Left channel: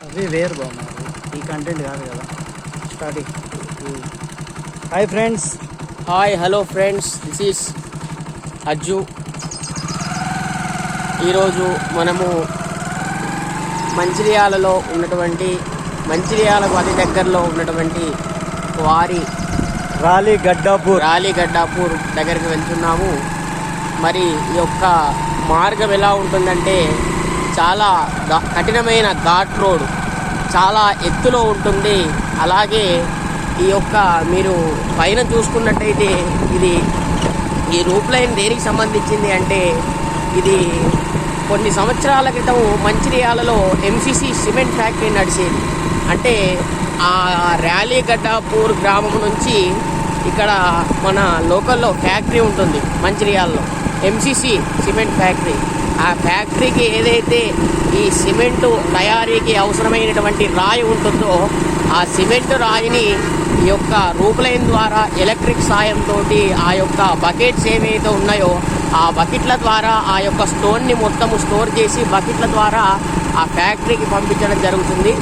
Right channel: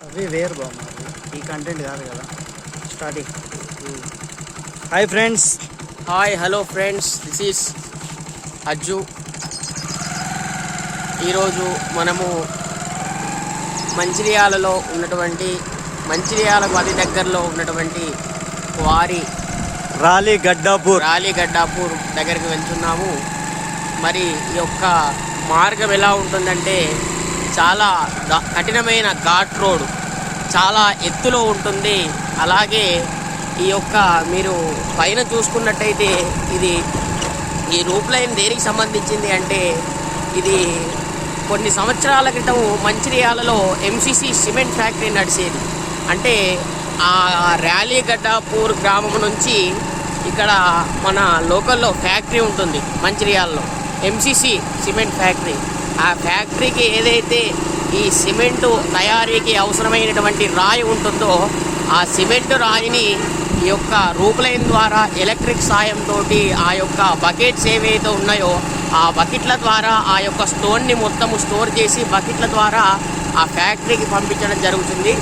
అవి వేరు బామ్మ ఈ కంటెంట్ కాదు కదా. Starting hi friends hi hello friends this is Ajju ఈరోజు మనము మంచిర్యాలలో ఉన్నటువంటి మంచిర్యాలకు అతి దగ్గరలో ఉన్నటువంటి వారి రాలీ గడ్డాపూర్ రాలి గడ్డాపూర్ దగ్గరికి వెళ్తున్నాము. మరి ఈ యొక్క మార్గం ఎలా ఉంటుందంటే చాలా కఠినమైన ఘాట్ రోడ్. చాలా ఎత్తులో ఉంటుంది. అలాగే ఈ యొక్క మీరు పైన చూసుకున్నట్టయితే ఇది ఈ రూప్ లైన్ దేనికి సంబంధించింది అంటే ఇది కొన్ని సంవత్సరాల క్రితం మంచిర్యాలలో ఎంసీసీ సిమెంట్ ఫ్యాక్టరీ నడిచేది. అంటే ఆ ర్యాలీ గడ్డాపూర్ గ్రామం నుంచి ఇక్కడ మన లోకల్లో ఫ్యాక్టరీ ఉంటుంది మంచిర్యాలలో. MCC cement factory. ఆ ఫ్యాక్టరీకి ఏదైతే ఈ సిమెంటు తయారీకి అవసరమైనటువంటి రాయి ఉంటుందో ఆ సిమెంట్ రాయిని ఈ యొక్క రూపులైన్ ద్వారా ఎలక్ట్రిక్ సాయంతో ఆ యొక్క బకెట్స్ ఏవైతే ఉన్నాయో ఆ బకెట్ల ద్వారా ఆ యొక్క స్టోన్ని మొత్తము స్టోర్ చేసి బకెట్ల ద్వారా ఆ ఫ్యాక్టరీకి పంపించడం జరుగుతుంది.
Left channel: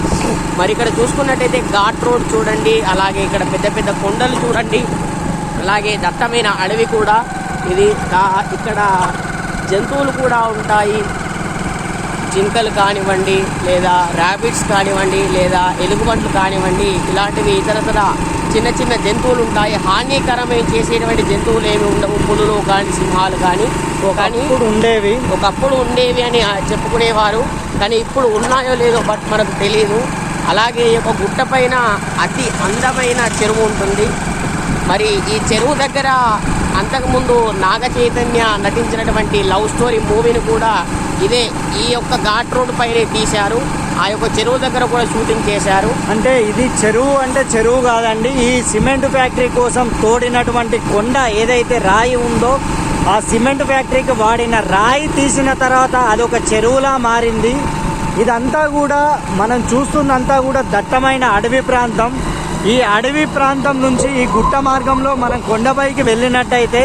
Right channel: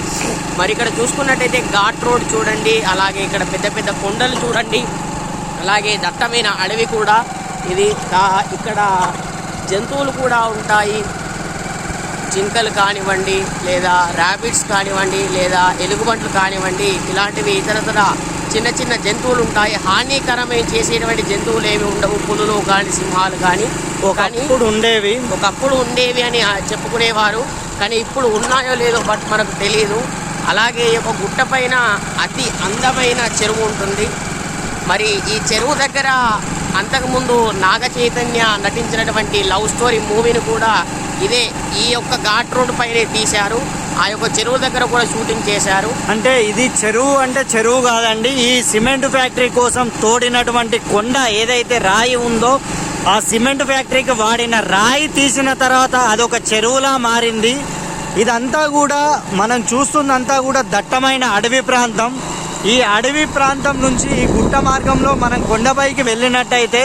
మరి ఇక్కడ చూసుకున్నట్టయితే ఘాట్ రోడ్ చూడండి అలాగే ఇక్కడ పెద్ద పెద్ద కొండలు చూడండి అలాగే దట్టమైన అడవి కూడా. ఇది ఇక్కడ జంతువులు కూడా ఉంటాయి. జింకలు కానివ్వండి లేదా ర్యాబిట్స్ కానివ్వండి లేదా ఎలుగుబంట్లు కానివ్వండి ఇలాంటివి ఇతరతర చిన్న చిన్న జంతువులు ఉంటాయి. హానికరమైన చేసేటువంటి జంతువులు ఏమి ఉండవు. పులులు కానీ సింహాలు కానీ కానీ ఉండేవి. ఒకప్పుడు ఉండేవి అని చెప్పుకునేవారు. కానీ ఇప్పుడు ఉన్నాయో లేదో బట్ మనకు తెలియదు అలాగే యొక్క గుట్ట పైన అతి అందమైన చెరువు ఉంటుంది. మరి ఈ చెరువు దగ్గర అంతకుముందు నాగ చైతన్య నటించినటువంటి లవ్ స్టోరీ మూవీని కూడా ఇదే ఈ యొక్క ఘాట్ రోడ్ పైనే తీశారు. ఆ యొక్క చెరువు దగ్గర కూడా షూటింగ్ చేశారు. అంటే ఇది చెరువు అంటే చెరువు కాదండి. ఈ సిమెంట్ ఫ్యాక్టరీ కోసం తోడినటువంటి కొండ ఏదైతే రాయి ఉందో ఆ సిమెంట్ ఫ్యాక్టరీకి వాడిన రాయి తీసిన తర్వాత అదొక చెరువులా మారింది. ఇదంతా కూడా మనం చూస్తుందంతా కూడా దట్టమైన అడవి ప్రాంతం. ఈ అడవి ప్రాంతం నుంచి ఈ గుట్ట మార్గంలో మనం కొండపైకి వెళ్ళినట్టయితే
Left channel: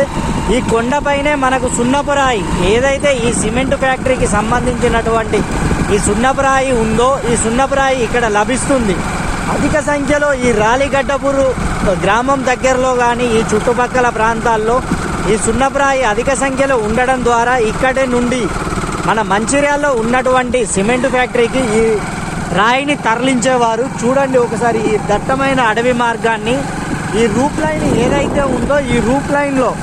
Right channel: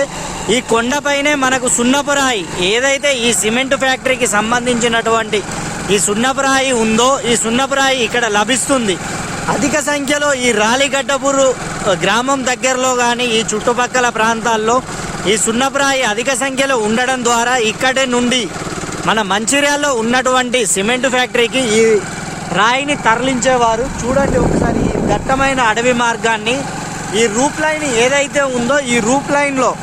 ఈ కొండపైనే మనకు సున్నపురాయి. ఏదైతే ఈ సిమెంట్ ఫ్యాక్టరీకి సంబంధించినటువంటి ఈ సున్నపురాయి ఉందో ఈ సున్నపురాయి ఇక్కడ లభిస్తుంది. అధిక సంఖ్యలో ఈ రాలిగడ్డపూరు గ్రామం దగ్గరలో కానీ ఈ చుట్టుపక్కల ప్రాంతాల్లో ఈ సున్నపురాయి అధిక సంఖ్యలో ఉండడం ద్వారా ఇక్కడే నుండి మన మంచిర్యాల్లో ఉన్నటువంటి సిమెంట్ ఫ్యాక్టరీకి ఈ రాయిని తరలించేవారు. చూడండి ఒకసారి ఈ దట్టమైన అడవి మార్గాన్ని. ఈ రూప్ లైన్ ఏదైతే ఉందో ఈ రూప్ లైన్లో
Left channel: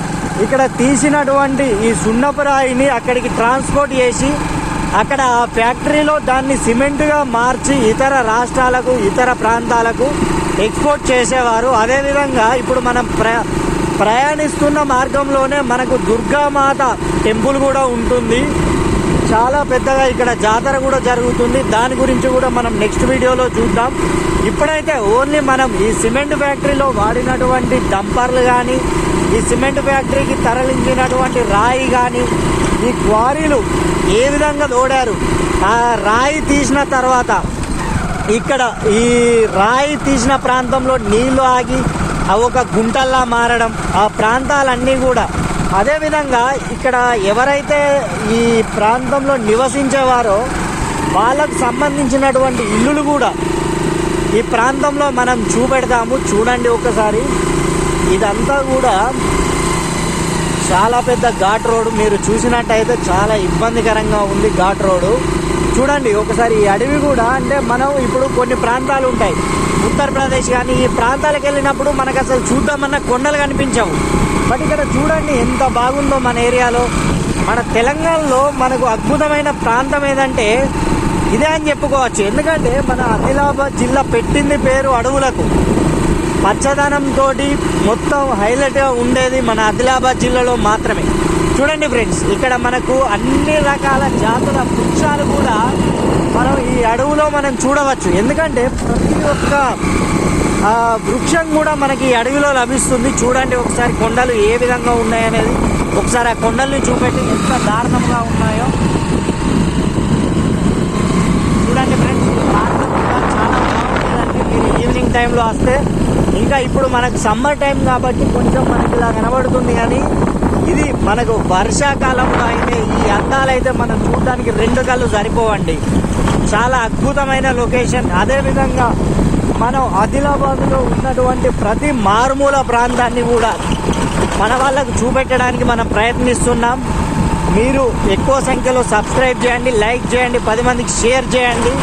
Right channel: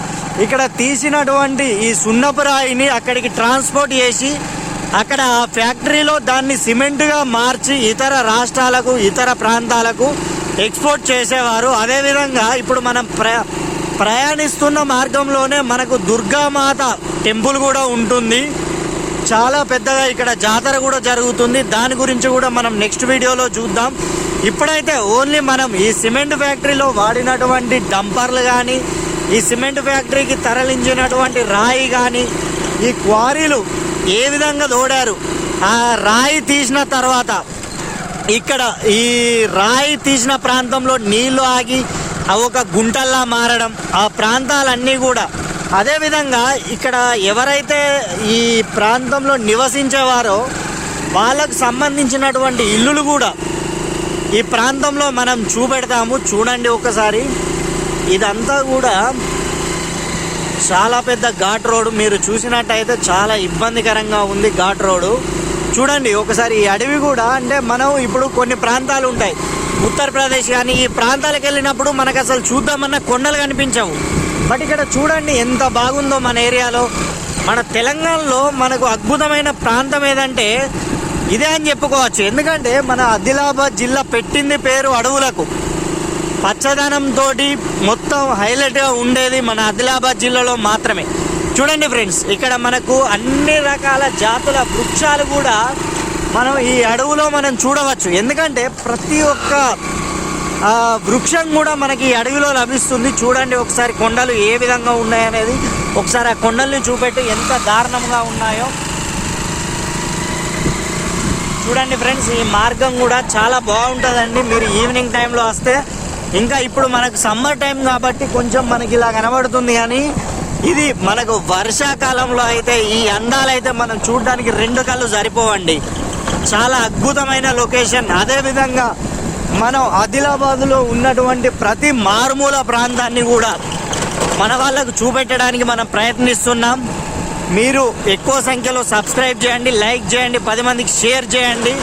ఇక్కడ తీసినటువంటి ఈ సున్నపు రాయిని అక్కడికి ట్రాన్స్పోర్ట్ చేసి అక్కడ ఆ ఫ్యాక్టరీలో దాన్ని సిమెంట్గా మార్చి ఇతర రాష్ట్రాలకు ఇతర ప్రాంతాలకు ఎక్స్పోర్ట్ చేసేవారు. అదేవిధంగా ఇప్పుడు మనం ప్ర ప్రయాణిస్తున్న మార్గంలోనే మనకు దుర్గామాత టెంపుల్ కూడా ఉంటుంది. చాలా పెద్దగా ఇక్కడ జాతర కూడా జరుగుతుంది. దాని గురించి కూడా మనం నెక్స్ట్ వీడియోలో చూద్దాం. ఇప్పుడైతే ఓన్లీ మనం ఈ సిమెంట్ ఫ్యాక్టరీలో వాడినటువంటి డంపర్లు కానీ ఈ సిమెంట్ ఫ్యాక్టరీకి తరలించినటువంటి రాయి కానీ ఈ క్వారీలు ఏ విధంగా తోడారు? ఆ రాయి తీసిన తర్వాత ఇక్కడ ఈ రాయి తీసిన ప్రాంతంలో నీళ్ళు ఆగి ఒక గుంటల్లా మారడం ఆ ప్రాంతాలన్నీ కూడా అదేవిధంగా ఇక్కడ ఎవరైతే ఈ ప్రాంతంలో నివసించేవారో వాళ్ళకు సంబంధించినటువంటి ఇల్లులు కూడా ఈ ప్రాంతంలో మనం చూపెడతాము. చూడండి ఒకసారి. ఇదంతా కూడా చాలా పెద్ద ఘాట్ రోడ్ మీరు చూసినట్టయితే చాలా ఇబ్బందికరంగా ఉంది ఘాట్ రోడ్ చూడండి ఒకసారి ఈ అడవి కూడా అంటే మనం ఇప్పుడు కొన్ని ప్రాంతాలు ఉంటాయి. ఉత్తరప్రదేశ్ కానీ ఈ ప్రాంతాలకు వెళ్ళినప్పుడు మనకు అసలు చూద్దామన్న కొండలు కనిపించవు. బట్ ఇక్కడ చూడండి ఎంత బాగుందో మన ఏరియాలో. మన తెలంగాణలో మనకు అద్భుతమైన ప్రాంతం ఏదంటే ఇదే అని చెప్పుకోవచ్చు. ఎందుకంటే మన ఆదిలాబాద్ జిల్లా పెట్టింది పేరు అడవులకు. పచ్చదనం తోటి మొత్తం హైలైట్గా ఉండేది మన ఆదిలాబాద్ జిల్లాలో మాత్రమే. చూడండి ఫ్రెండ్స్ ఇక్కడ మనకు అన్ని రకాల జాతుల వృక్షాలు కూడా మనం ఈ అడవులో మనం చూడవచ్చు. ఎందుకంటే ప్రతి ఒక్క వృక్షం కూడా మనకి ఈ అడవిలో లభిస్తుంది. చూడండి ఒకసారి కొండలు ఏ విధంగా ఉన్నాయనేది. ఒకసారి ఆ కొండల్ని చూపెట్టి ఎంత దారుణంగా ఉన్నాయో. చూడండి ఫ్రెండ్స్ ఈ మార్గం కూడా చాలా బాగుంటుందండి. మీరు ఈవినింగ్ టైంలో వస్తే ఇంకా ఇప్పుడు మనకు సమ్మర్ టైం కాబట్టి కొంచెం మనకి ఇలా కనబడుతుంది కానీ ఇది మనకు వర్షాకాలంలో అయితే ఈ అందాలైతే మనం చూడడానికి రెండు కళ్ళు సరిపోవండి. చాలా అద్భుతమైన లొకేషన్ అదేవిధంగా మనం ఆదిలాబాద్లో ఉన్నటువంటి ప్రతి మారుమూల ప్రాంతాన్ని కూడా మన వాళ్ళకు చూపెట్టడానికి మనం ప్రయత్నిస్తున్నాం. మీరు ఎక్కువ సంఖ్యలో సబ్స్క్రైబ్ చేయండి లైక్ చేయండి పది మందికి షేర్ చేయండి.